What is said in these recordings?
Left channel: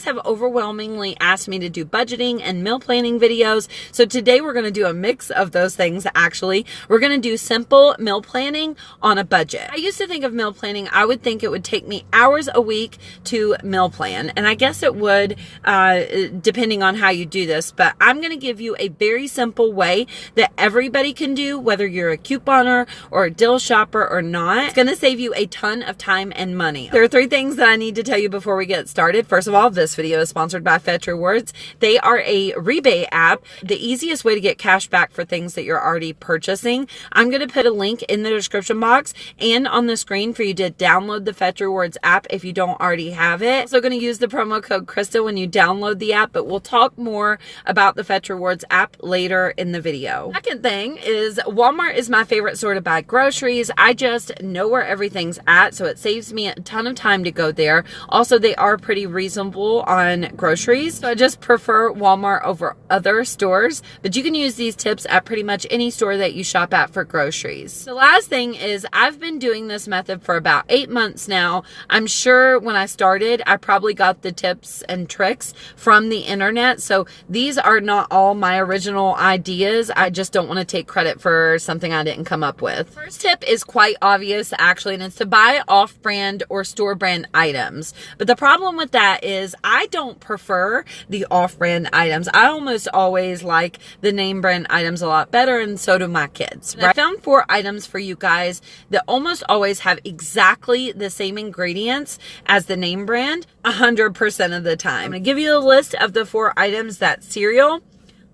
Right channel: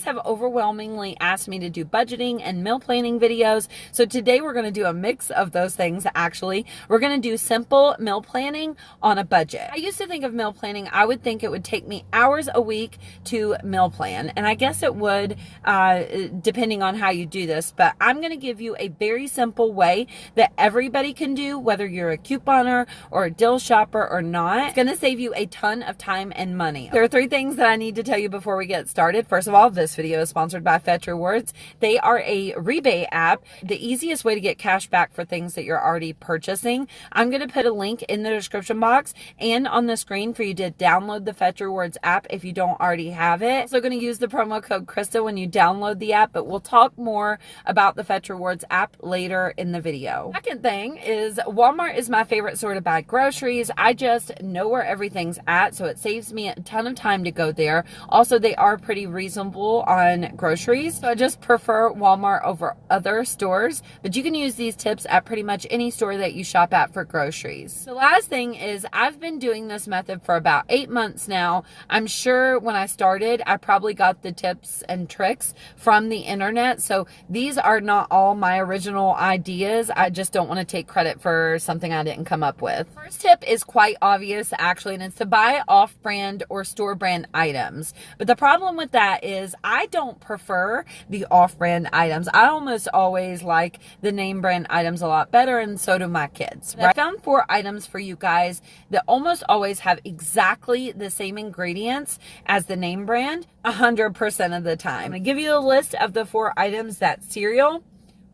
guys have overwhelmingly asked me to do budgeting and meal planning videos. So today we're going to do a mix of those things. Actually, we're going to do simple meal planning on a budget. I used to think of meal planning, I would think it would take me hours a week to meal plan. And I guess it would, depending on how you do this, but I'm going to give you a very simple way that everybody can do, whether you're a couponer or a deal shopper or not. It's going to save you a ton of time and money. There are 3 things that I need to tell you before we get started. First of all, this video is sponsored by Fetch Rewards. They are a rebate app, the easiest way to get cash back for things that you're already purchasing. I'm going to put a link in the description box and on the screen for you to download the Fetch Rewards app if you don't already have it. So going to use the promo code Christa when you download the app, but we'll talk more about the Fetch Rewards app later in the video. Second thing is Walmart is my favorite store to buy groceries. I just know where everything's at, so it saves me a ton of time to go there. Also, they are pretty reasonable on groceries, so I just prefer Walmart over other stores, but you can use these tips at pretty much any store that you shop at for groceries. The last thing is I've been doing this method for about 8 months now. I'm sure when I started, I probably got the tips and tricks from the internet, so these are not all my original ideas. I just don't want to take credit for something I didn't come up with. First tip is quite obvious actually, and it's to buy off-brand or store brand items. But the problem with that is I don't prefer the off-brand items. I almost always like the name brand items a lot better, and so do my kids. Right? I found 4 items for you guys that almost always have exactly the same ingredients as the name brand 100% of the time. I'm going to give you a list of the 4 items: that's cereal,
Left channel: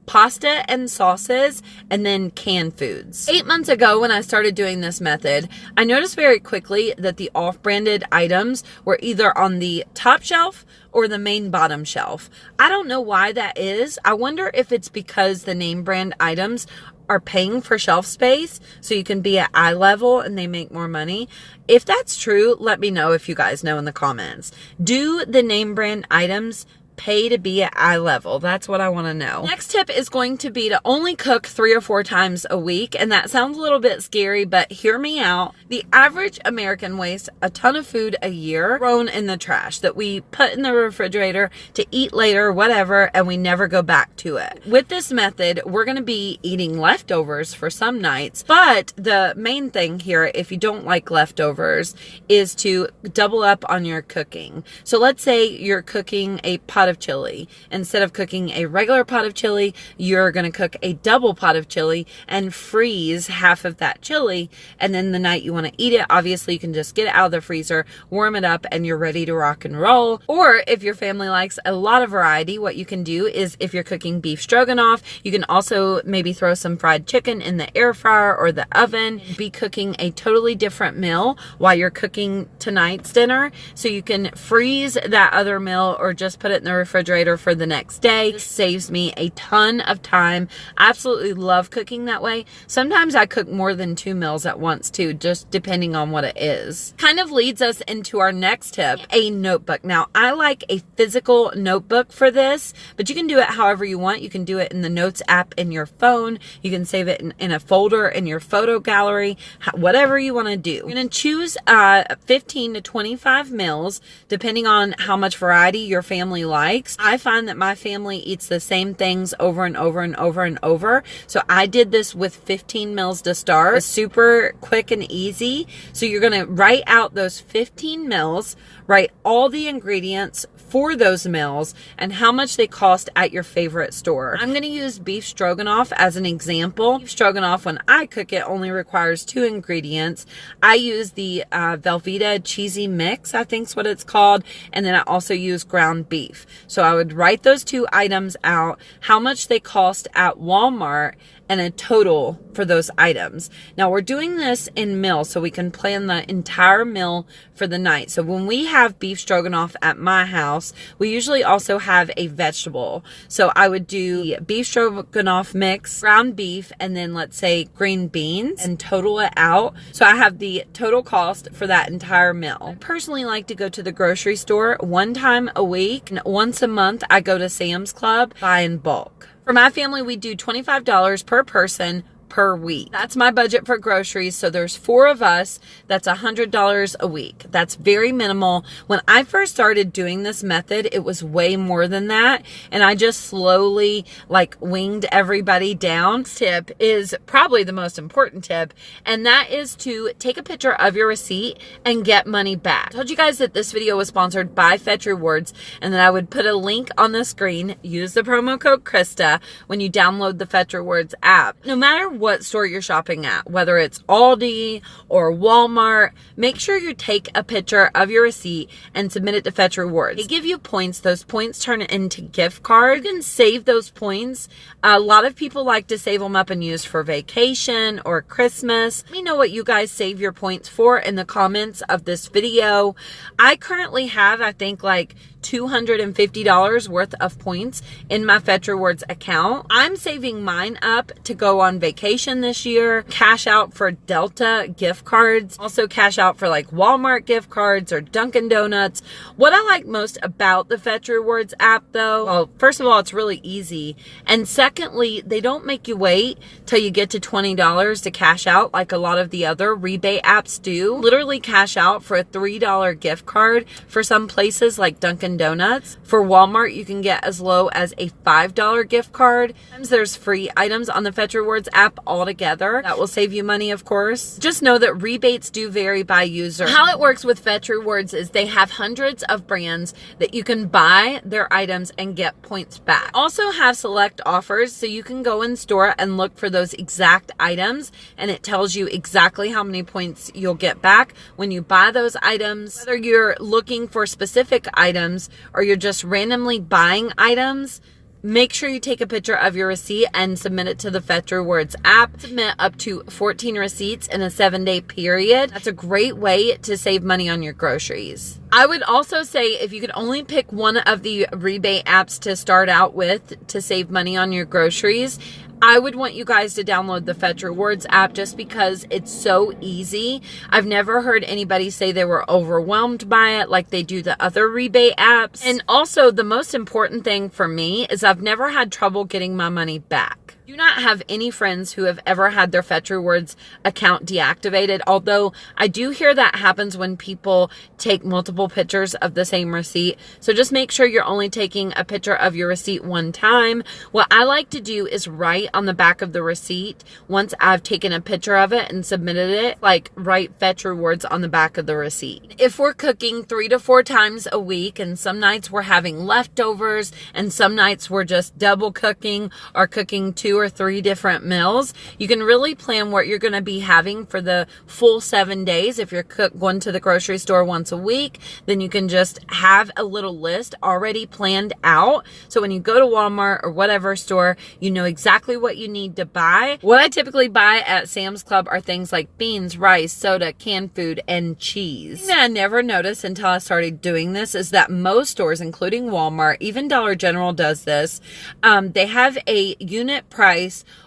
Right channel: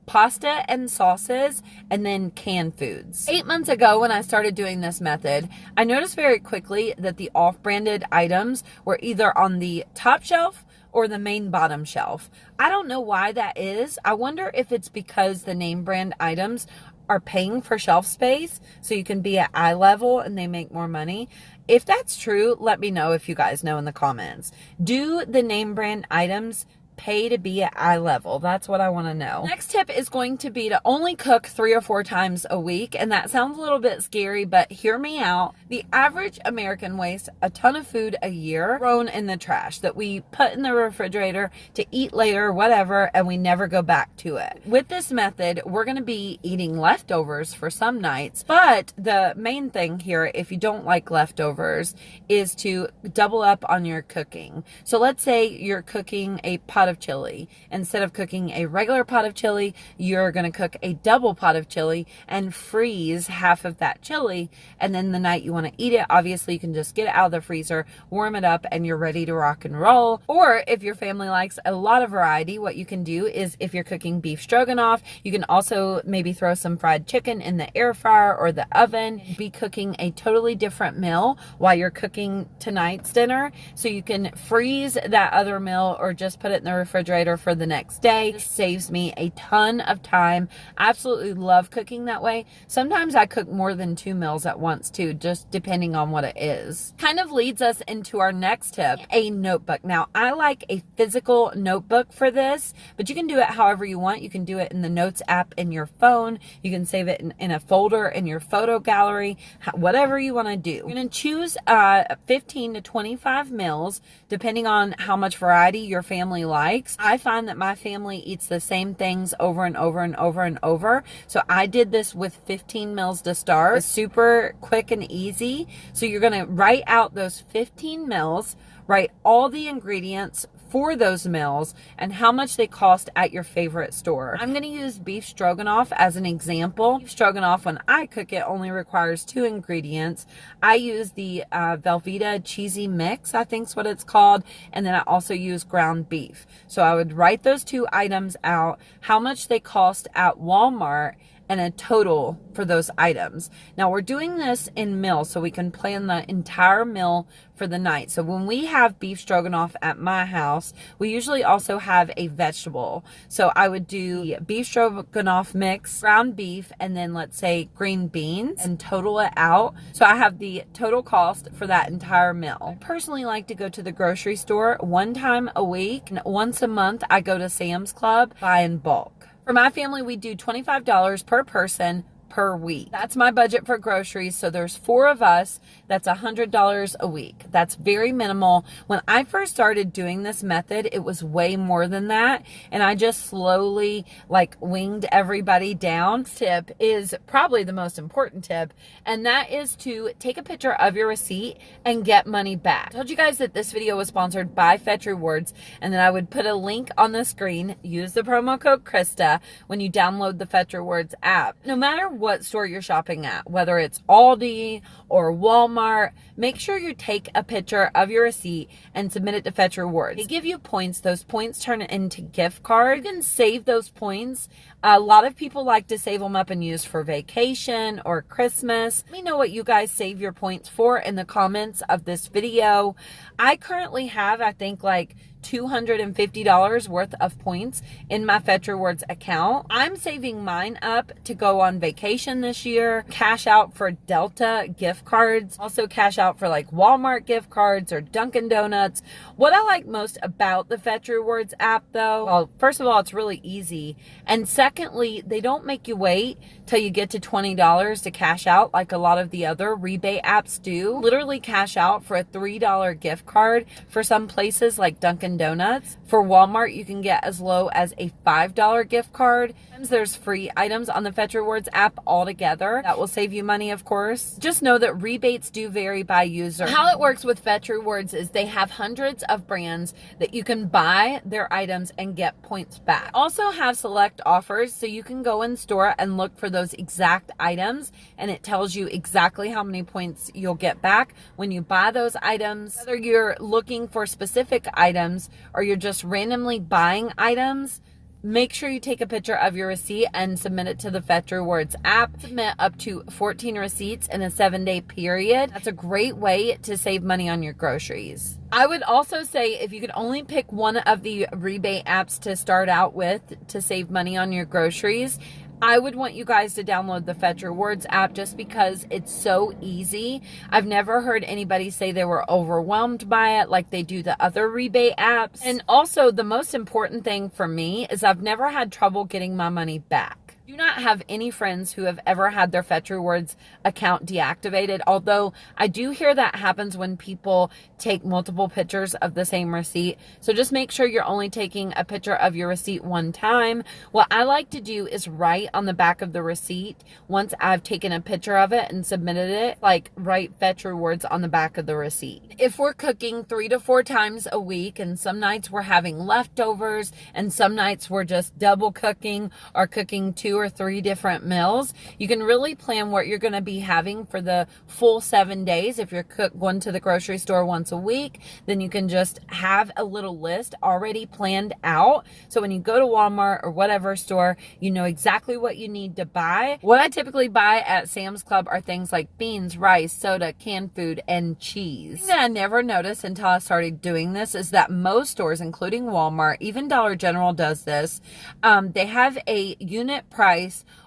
pasta and sauces, and then canned foods. 8 months ago when I started doing this method, I noticed very quickly that the off-branded items were either on the top shelf or the main bottom shelf. I don't know why that is. I wonder if it's because the name brand items are paying for shelf space so you can be at eye level and they make more money. If that's true, let me know if you guys know in the comments. Do the name brand items pay to be at eye level? That's what I want to know. Next tip is going to be to only cook 3 or 4 times a week. And that sounds a little bit scary, but hear me out. The average American wastes a ton of food a year thrown in the trash that we put in the refrigerator to eat later, whatever, and we never go back to it. With this method, we're going to be eating leftovers for some nights, but the main thing here, if you don't like leftovers, is to double up on your cooking. So let's say you're cooking a pot of chili. Instead of cooking a regular pot of chili, you're going to cook a double pot of chili and freeze half of that chili. And then the night you want to eat it, obviously you can just get it out of the freezer, warm it up, and you're ready to rock and roll. Or if your family likes a lot of variety, what you can do is if you're cooking beef stroganoff, you can also maybe throw some fried chicken in the air fryer or the oven, be cooking a totally different meal while you're cooking tonight's dinner. So you can freeze that other meal or just put it in the refrigerator for the next day. This saves me a ton of time. I absolutely love cooking that way. Sometimes I cook more than 2 meals at once too, just depending on what it is. Kind of leads us into our next tip, a notebook. Now, I like a physical notebook for this, but you can do it however you want. You can do it in the Notes app in your phone. You can save it in a folder in your photo gallery, whatever you want to do. You're going to choose 15 to 25 meals, depending on how much variety your family likes. I find that my family eats the same things over and over and over and over. So I did this with 15 meals to start. It's super quick and easy. So you're going to write out those 15 meals, write all the ingredients for those meals and how much they cost at your favorite store. I'm going to use beef stroganoff as an example. Beef stroganoff, when I cook it, only requires 2 ingredients. I use the Velveeta cheesy mix, I think is what it's called, and then I also use ground beef. So I would write those 2 items out, how much they cost at Walmart, and a total for those items. Now we're doing this in meals so we can plan the entire meal for the night. So when we have beef stroganoff at my house, we usually also have a vegetable. So I would do beef stroganoff mix, ground beef, and then let's say green beans and total it out. So I have the total cost for that entire meal. I personally like to go to the grocery store 1 time a week, and once a month I go to Sam's Club, buy in bulk. For my family, we do $25 per person per week. That's my budget for groceries. So there's 4 of us. That's $100 a week. That's very minimal. When I first started doing this method, it was way more than that. And I just slowly like winged everybody down. Tip is probably the most important tip. And that is to take a picture of your receipt and get money back. I told you guys that this video was sponsored by Fetch Rewards, and then I would put a link on the screen. Use the promo code Christa when you download the Fetch Rewards app. No matter what store you're shopping at, whether it's Aldi or Walmart, make sure you take a picture of your receipt and submit it to Fetch Rewards. They give you points. Those points turn into gift cards. You can save those points. A lot of people like to save them up and use for vacation or Christmas. Let me know what you guys save your points for in the comments of this video. I currently have, I think, like $250 worth of points in my Fetch Rewards account. I'm saving mine up to go on vacation this year, cash out for Delta gift cards, also cash out for like Walmart gift cards or Dunkin' Donuts. What I like most about the Fetch Rewards app though, well, first of all, it's really easy. And secondly, they don't make you wait till you get to $20 to cash out like a lot of the other rebate apps do. Literally cash out for a $3 gift card for some places like Dunkin' Donuts. For Walmart, you can get as low as a $5 gift card. Sometimes there's free items on the Fetch Rewards app altogether. That will save you money, of course. Just know that rebates do vary by user. How it works with Fetch Rewards is they have hundreds of brands that you can buy their items and get points back. Also have select offers, so you can go in store and look for those exact items, and it tells you exactly how many points you'll get back when you buy those items. Whether you're looking for specific items or you're just randomly buying items, make sure you take a picture of your receipt and submit it to the Fetch Rewards app. Submit up to 14 receipts in a 7-day period. That's a great way to save money on your groceries. I would also say if you could only pick one of the rebate apps to start out with to save money on your groceries, I would want you guys to download the Fetch Rewards app just because it's so easy. I've never heard anybody say they were overwhelmed by it like they do the other rebate apps. And also, the most important thing for me is I've never had trouble getting my money back. Do not have any friends who have ever had their Fetch Rewards account deactivated, although I do hear that happens when people take multiple pictures of the same receipt. So just make sure you're only taking a picture of your receipt one time. What I like to do is write on the back of the receipt, once I've taken a picture of it and submitted it, like write Fetch Rewards on the back of the receipt. If we're cooking 3 to 4 times a week, and some nights we're having leftovers, and some nights we're just double cooking or cooking 2 or 3 different meals, you can really plan what you're going to be having for the full 7 days. If you're going to the grocery store once a week, then you can just have a little list already planned out. So when you go to Walmart or whatever store, you know exactly what you need to buy. What I typically buy at Sam's Club are things like beans, rice, soda, canned food, and cheese. Something that I never noticed until I started doing this is that most stores, including Walmart, even Dollar General does this, they have a unit price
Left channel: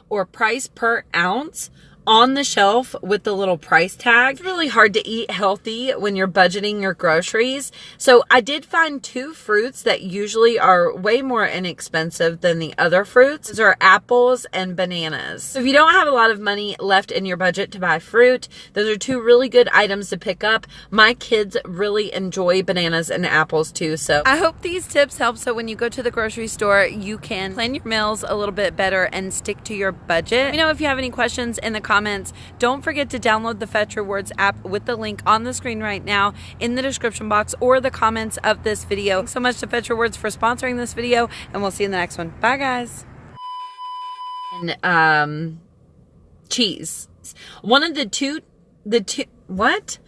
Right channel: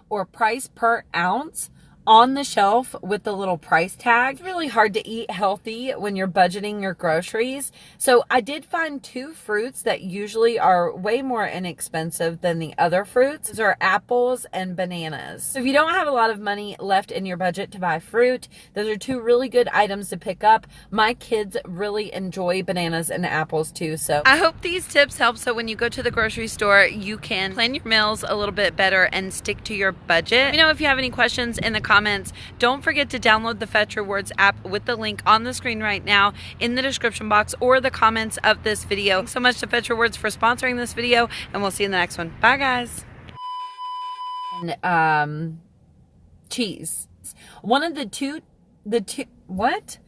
or price per ounce on the shelf with the little price tag. It's really hard to eat healthy when you're budgeting your groceries. So I did find 2 fruits that usually are way more inexpensive than the other fruits. Those are apples and bananas. So if you don't have a lot of money left in your budget to buy fruit, those are 2 really good items to pick up. My kids really enjoy bananas and apples too. So I hope these tips help, so when you go to the grocery store, you can plan your meals a little bit better and stick to your budget. Let me know if you have any questions in the comments. Don't forget to download the Fetch Rewards app with the link on the screen right now in the description box or the comments of this video. Thanks so much to Fetch Rewards for sponsoring this video, and we'll see you in the next one. Bye, guys. And cheese. One of the two what?